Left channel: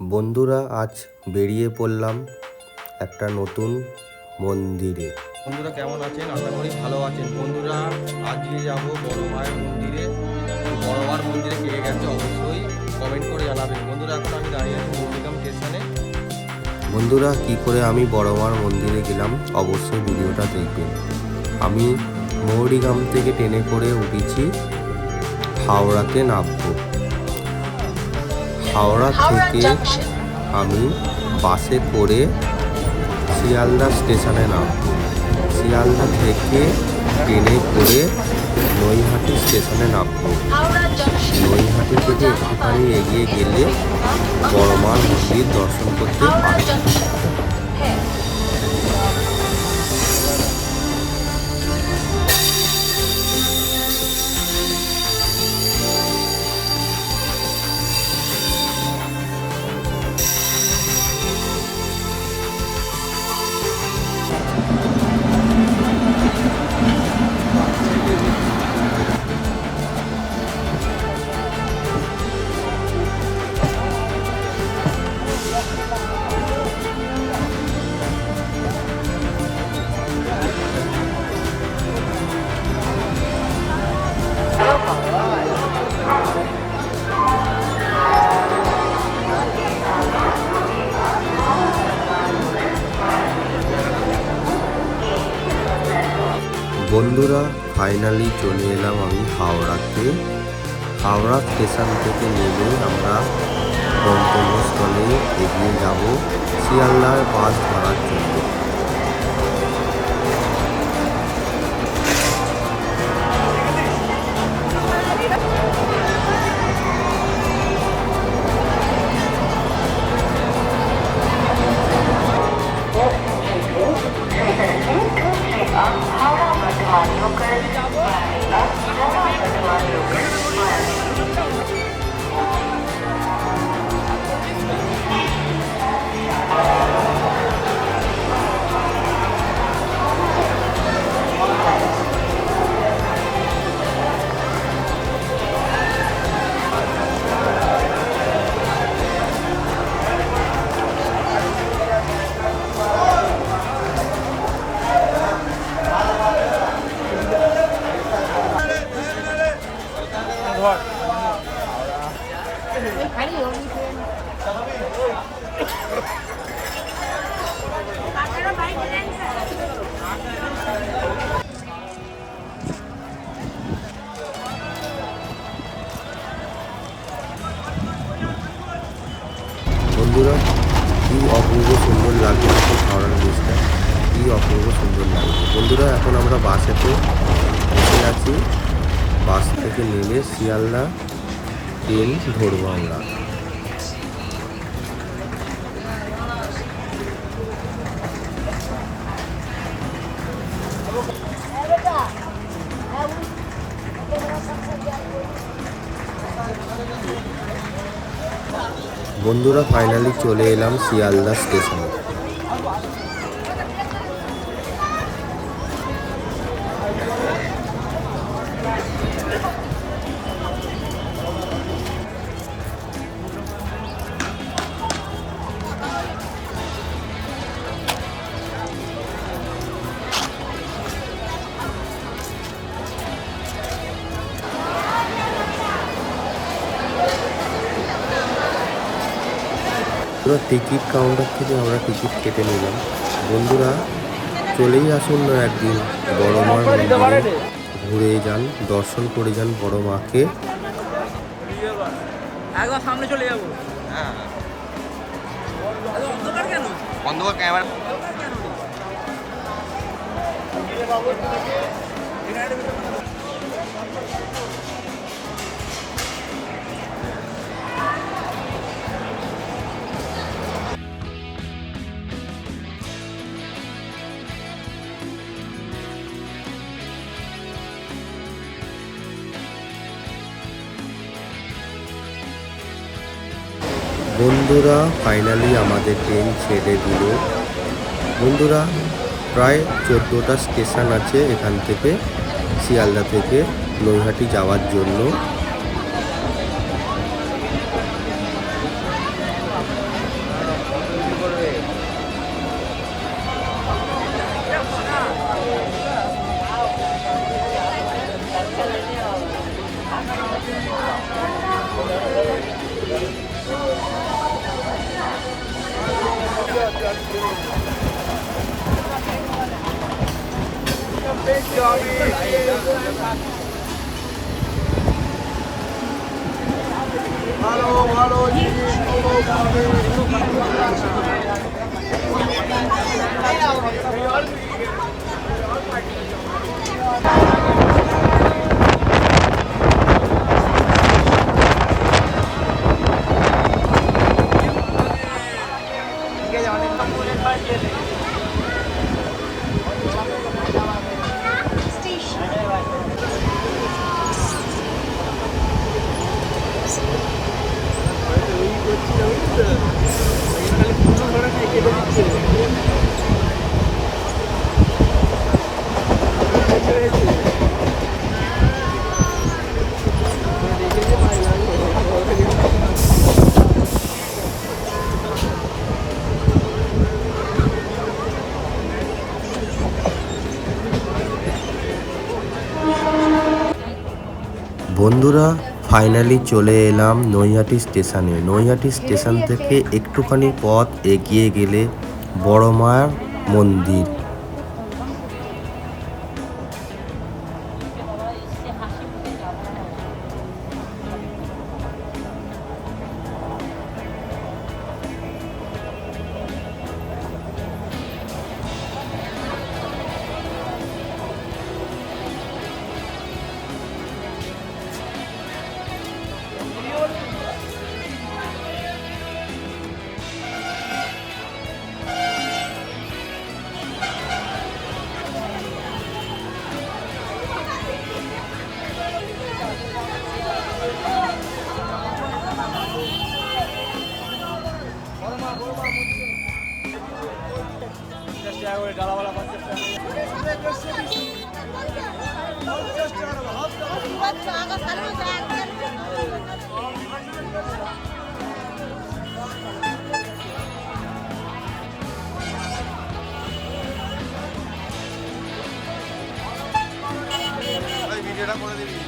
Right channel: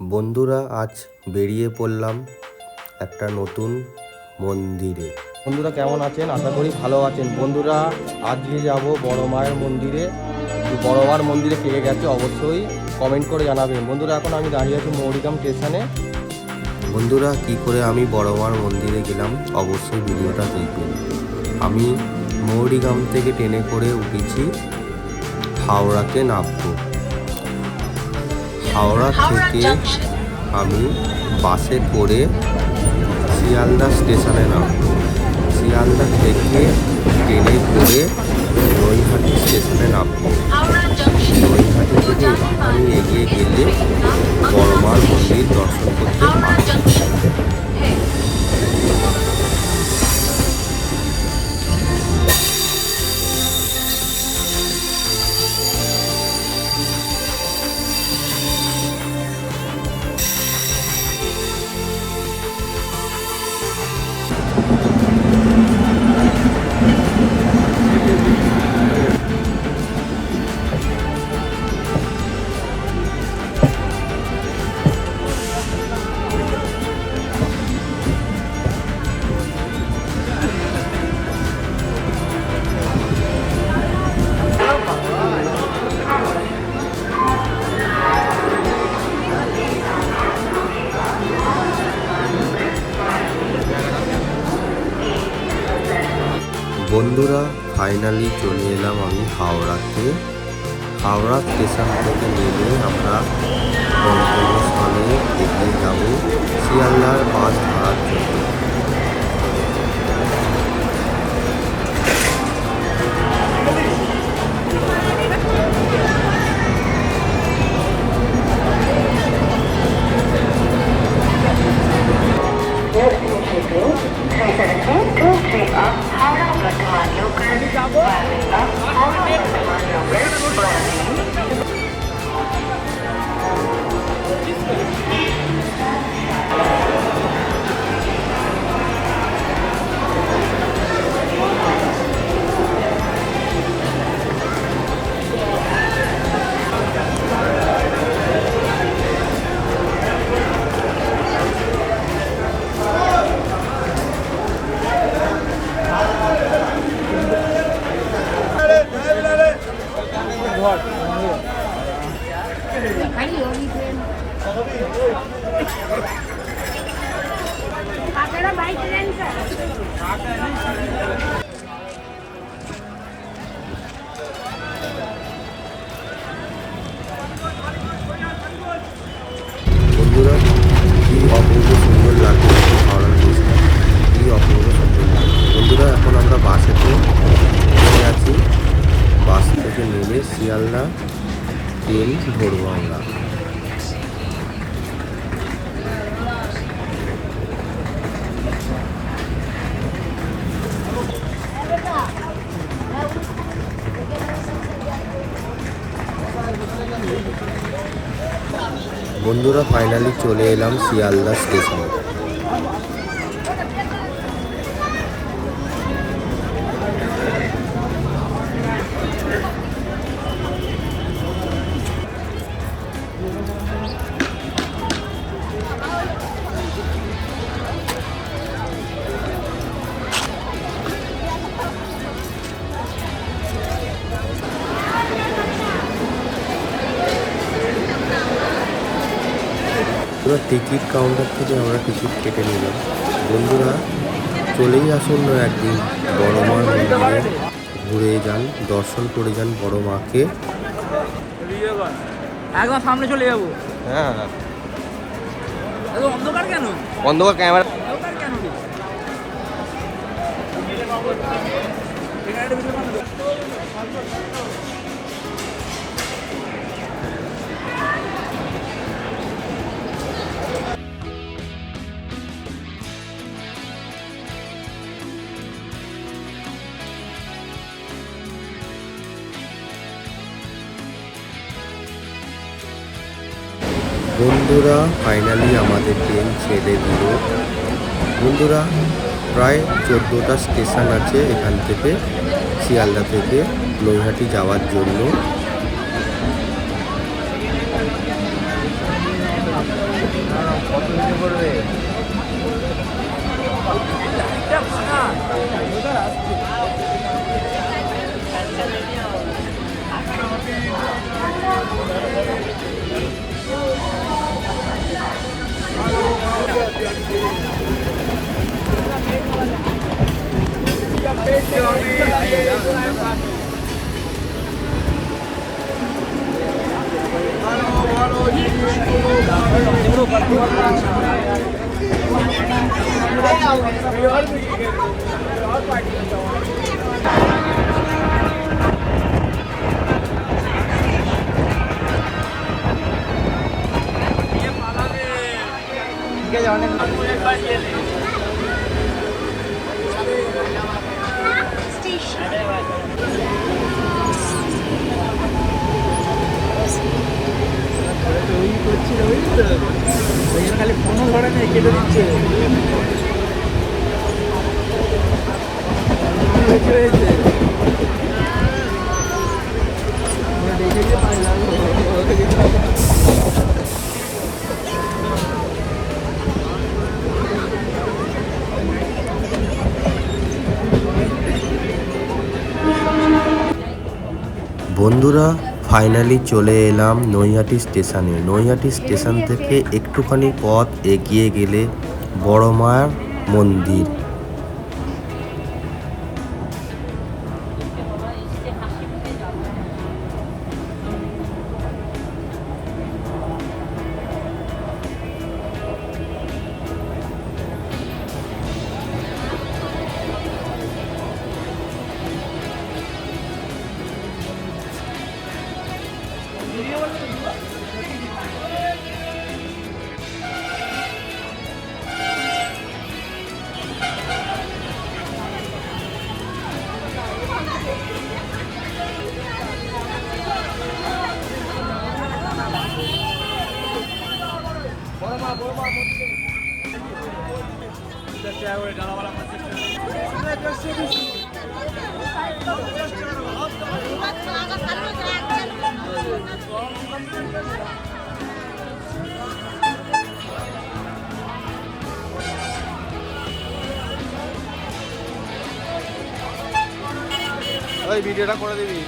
বন্ধুরা আজ বেরিয়ে পড়লাম একটা নতুন মন্দিরে। বন্ধুরা কেমন আছেন? আশা করি ভালো আছেন। বন্ধুরা আজকে যাব বড় মায়ের মন্দিরে। বড় মার মন্দিরে কে গেছে অবশ্যই কমেন্ট করে জানাবেন। বন্ধুরা এখন আমি দাঁড়িয়ে আছি মৌরিগাম স্টেশনে বন্ধুরা কি করে আমি বড় মার মন্দিরে গেলাম অবশ্যই ভিডিওটা দেখবেন। আমি মৌরিগ্রাম থেকে ট্রেনে করে উঠেছি হাওড়াতে নামবো। হাওড়া থেকে আমি বাসে করে শিয়ালদা স্টেশনে নামবো। শিয়ালদা থেকে ট্রেনে করে নৈহাটি স্টেশনে নামব। নৈহাটি থেকে একটুখানি এগিয়ে গেলে বড়মার মন্দির দর্শন করতে পারবেন বন্ধুরা ফাইনালি চলে এলাম আমি হাওড়াতে হাওড়া স্টেশন থেকে নেমে আমরা গন্তব্যস্থলে এগিয়ে যাব শিয়ালদার বাস ধরার জন্য। Olha, eu quero desculpar. বন্ধুরা, কি অপূর্ব সুন্দর দেখো হাওড়ার ব্রিজটা কি অপূর্ব সুন্দর লাগছে বন্ধুরা, এখন আমরা বাসেতে বসে আছি। বাস থেকে নেমে শিয়ালদা ট্রেন ধরবো আমরা। বন্ধুরা ফাইনালি চলে এলাম শিয়ালদা স্টেশনে। পুরো টিকিট কাউন্টার থেকে আমরা টিকিট কেটে নিলাম। বন্ধুরা চলেই আসুন না একদিন বড় মার মন্দিরে। ঘুরে যান দর্শন করে যান বড় মাকে। হ্যাঁ। অন্ধকার ক্যামেরা বন্ধুরা ফাইনালি আমাদের ট্রেন ছেড়ে দিল। বন্ধুরা, প্রায় চোদ্দোটা স্টেশন আছে এখান থেকে, শিয়ালদা থেকে নৈহাটি যাওয়ার জন্য। Thank you. বন্ধুরা ফাইনালি চলে এলাম নৈহাটি স্টেশনে নৈহাটি স্টেশন থেকে একটুখানি পথ এগিয়ে গেলে বড় মায়ের মন্দির। ওই ভিডিওটা করে দিবি।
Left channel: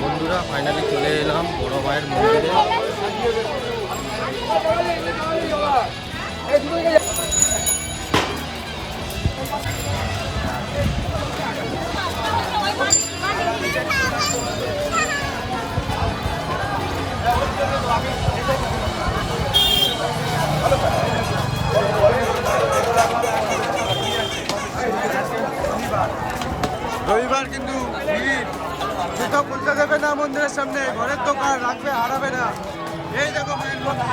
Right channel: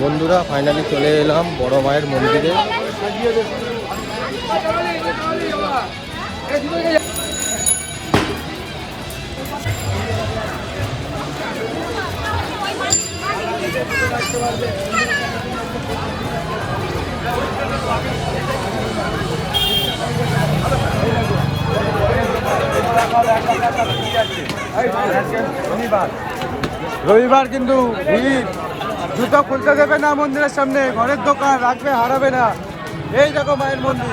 বন্ধুরা ফাইনালি চলে এলাম বড় মায়ের মন্দিরে। রবিবার কিন্তু ভিড়। জুতো খুলতে দেবে না মন্দিরের সামনে, ঘরের দোকান রাখবে হারাবে না। এই দেখো মায়ের মন্দির।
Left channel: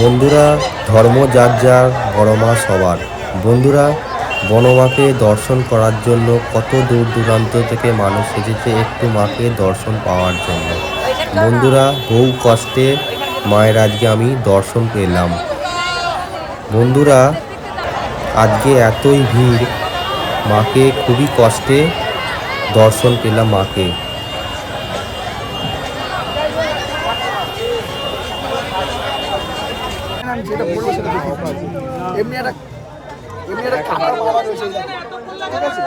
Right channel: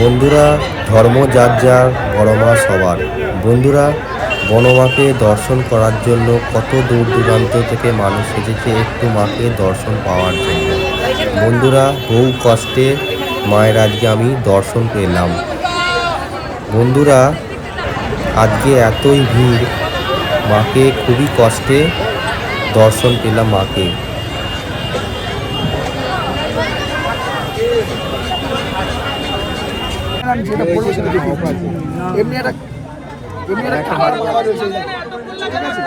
বন্ধুরা ধর্ম যার যার বড় মা সবার। বন্ধুরা বনমাকে দর্শন করার জন্য কত দূর দূরান্ত থেকে মানুষ এসেছে একটু মাকে দর্শন পাওয়ার জন্য। বন্ধুরা, বহু কষ্টে মায়ের আজকে আমি দর্শন পেলাম। বন্ধুরা, আজকে এতই ভিড়, মাকে খুবই কষ্টে দর্শন পেলাম মাকে। এমনি একটা একটা রয়েছে। ঠিক আছে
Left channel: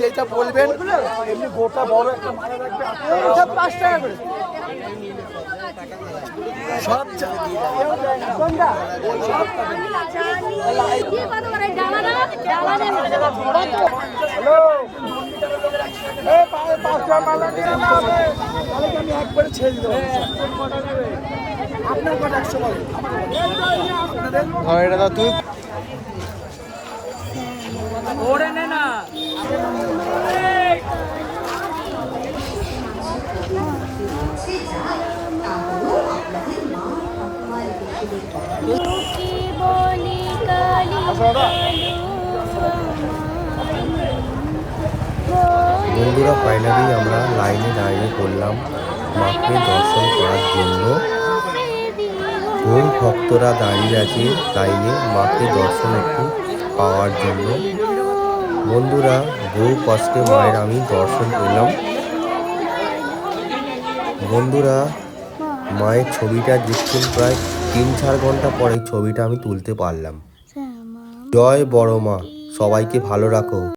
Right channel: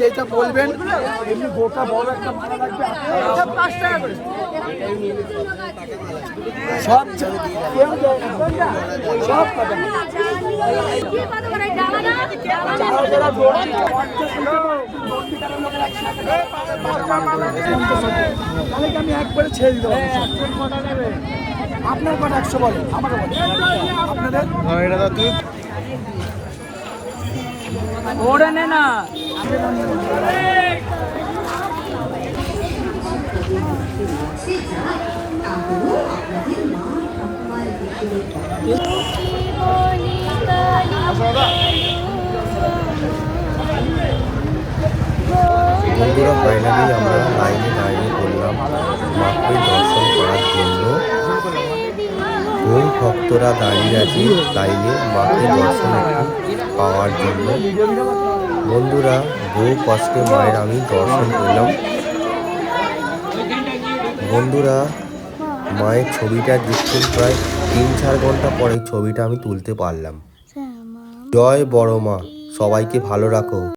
যেটা বলবেন, এমনি গোটা বড় একটা মারা রাখবে সব সব আপনার কটা একশো বলে আমার আপনাদের? বন্ধুরা ফাইনালি আমরা লাইনে দাঁড়িয়ে পড়লাম মাকে দর্শন করার জন্য। বহু ভক্তরা দাঁড়িয়ে আছে লাইনে মাকে দর্শন একটু পাওয়ার জন্য। বন্ধুরা বহু কষ্টে মায়ের আমি দর্শন পেলাম। বন্ধুরা মায়ের ছবিটা দেখছেন প্রায় তিন চার ঘণ্টা পরে ছবিটা আমি তুলতে পারলাম। জয় বড় মা সবাইকে ভালো রাখো।